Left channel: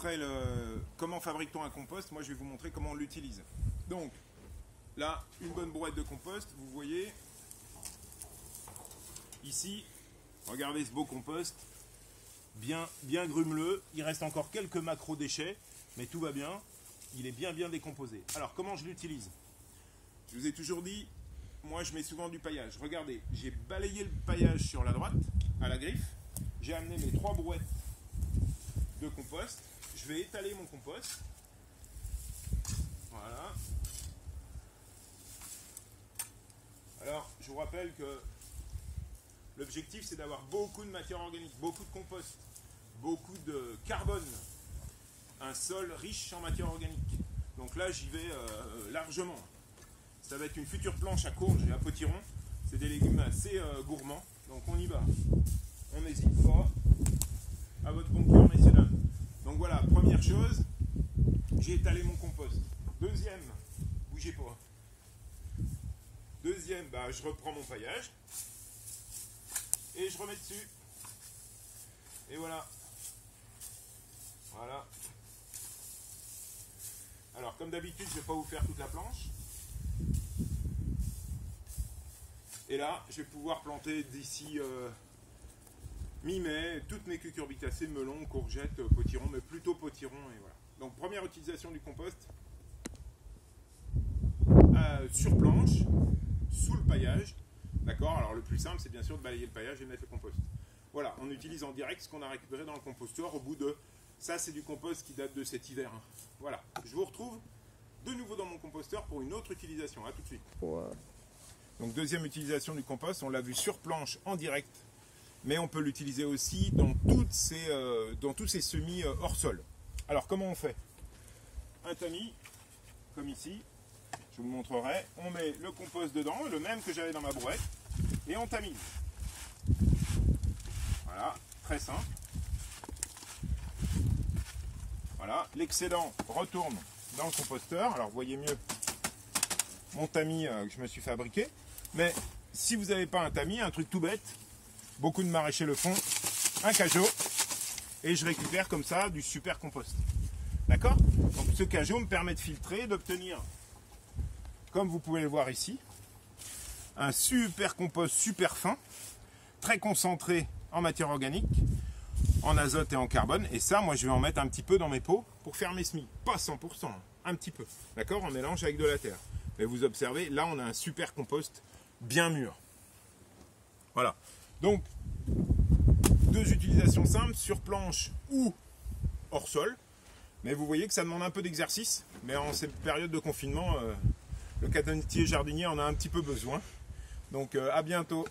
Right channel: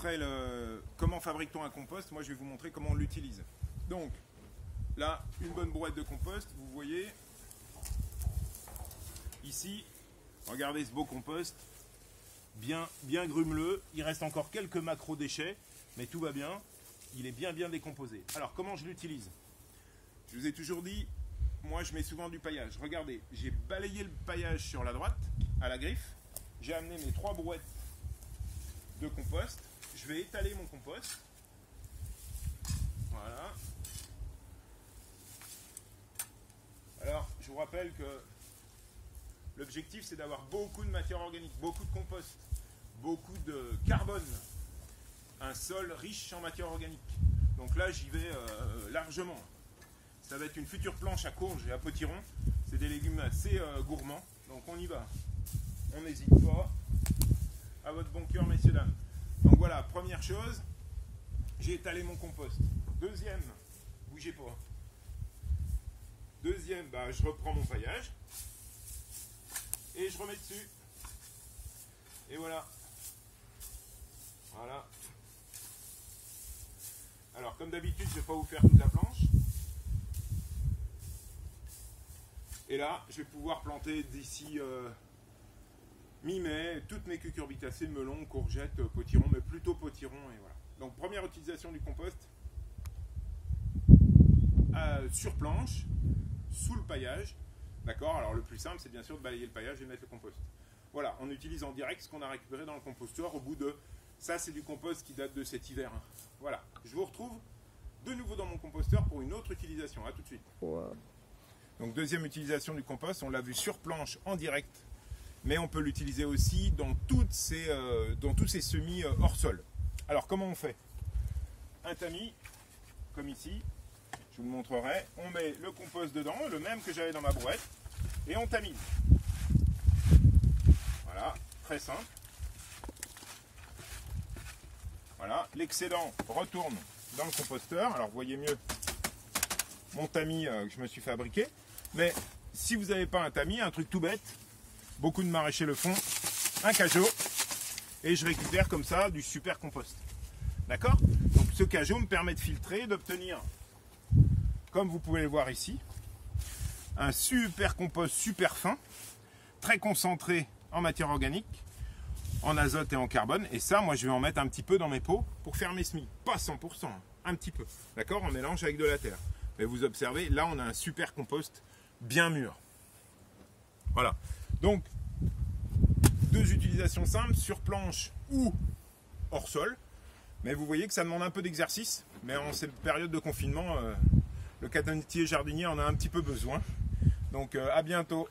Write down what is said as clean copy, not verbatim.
après comment fabrique-t-on un compost, moi je vais vous montrer comment on l'utilise. Donc là, une bonne brouette de compost, vous voyez ici, regardez ce beau compost, bien grumeleux, il reste encore quelques macro-déchets, mais tout va bien, il est bien décomposé. Alors comment je l'utilise? Je vous ai toujours dit, moi je mets souvent du paillage. Regardez, j'ai balayé le paillage sur la droite, à la griffe, j'ai amené mes 3 brouettes de compost, je vais étaler mon compost, voilà. Alors je vous rappelle que l'objectif c'est d'avoir beaucoup de matière organique, beaucoup de compost, beaucoup de carbone, un sol riche en matière organique. Donc là j'y vais largement. Ça va être une future planche à courge et à potiron. C'est des légumes assez gourmands. Donc on y va. On n'hésite pas. À votre bon cœur, messieurs dames. Donc voilà, première chose, j'ai étalé mon compost. Deuxième, bougez pas. Deuxième, je reprends mon paillage. Et je remets dessus. Et voilà. Voilà. Alors comme d'habitude, je ne vais pas vous faire toute la planche. Et là, je vais pouvoir planter d'ici mi-mai toutes mes cucurbitacées, melons, courgettes, potirons, mais plutôt potirons. Et voilà. Donc première utilisation du compost sur planche, sous le paillage. D'accord. Alors le plus simple, c'est bien sûr de balayer le paillage et de mettre le compost. Voilà, on utilise en direct ce qu'on a récupéré dans le composteur au bout de... Ça, c'est du compost qui date de cet hiver. Voilà, je vous retrouve de nouveau dans mon composteur pour une autre utilisation. À tout de suite. Wow. Donc deuxième utilisation du compost, on l'a vu sur planche en direct, mais on peut l'utiliser aussi dans tous ces semis hors sol. Alors comment on fait? Un tamis, comme ici, je vous le montrerai, on met le compost dedans, le même que j'avais dans ma brouette, et on tamise. Voilà, très simple. Voilà, l'excédent retourne dans le composteur. Alors vous voyez mieux mon tamis que je me suis fabriqué. Mais si vous n'avez pas un tamis, un truc tout bête, beaucoup de maraîchers le font, un cajot, et je récupère comme ça du super compost. D'accord? Donc ce cajot me permet de filtrer, d'obtenir, comme vous pouvez le voir ici, un super compost super fin, très concentré en matière organique, en azote et en carbone. Et ça, moi je vais en mettre un petit peu dans mes pots pour faire mes semis. Pas 100%, un petit peu. D'accord? En mélange avec de la terre. Mais vous observez, là on a un super compost bien mûr. Voilà. Donc, 2 utilisations simples, sur planche ou hors sol. Mais vous voyez que ça demande un peu d'exercice. Mais en cette période de confinement, le canetier jardinier en a un petit peu besoin. Donc à bientôt.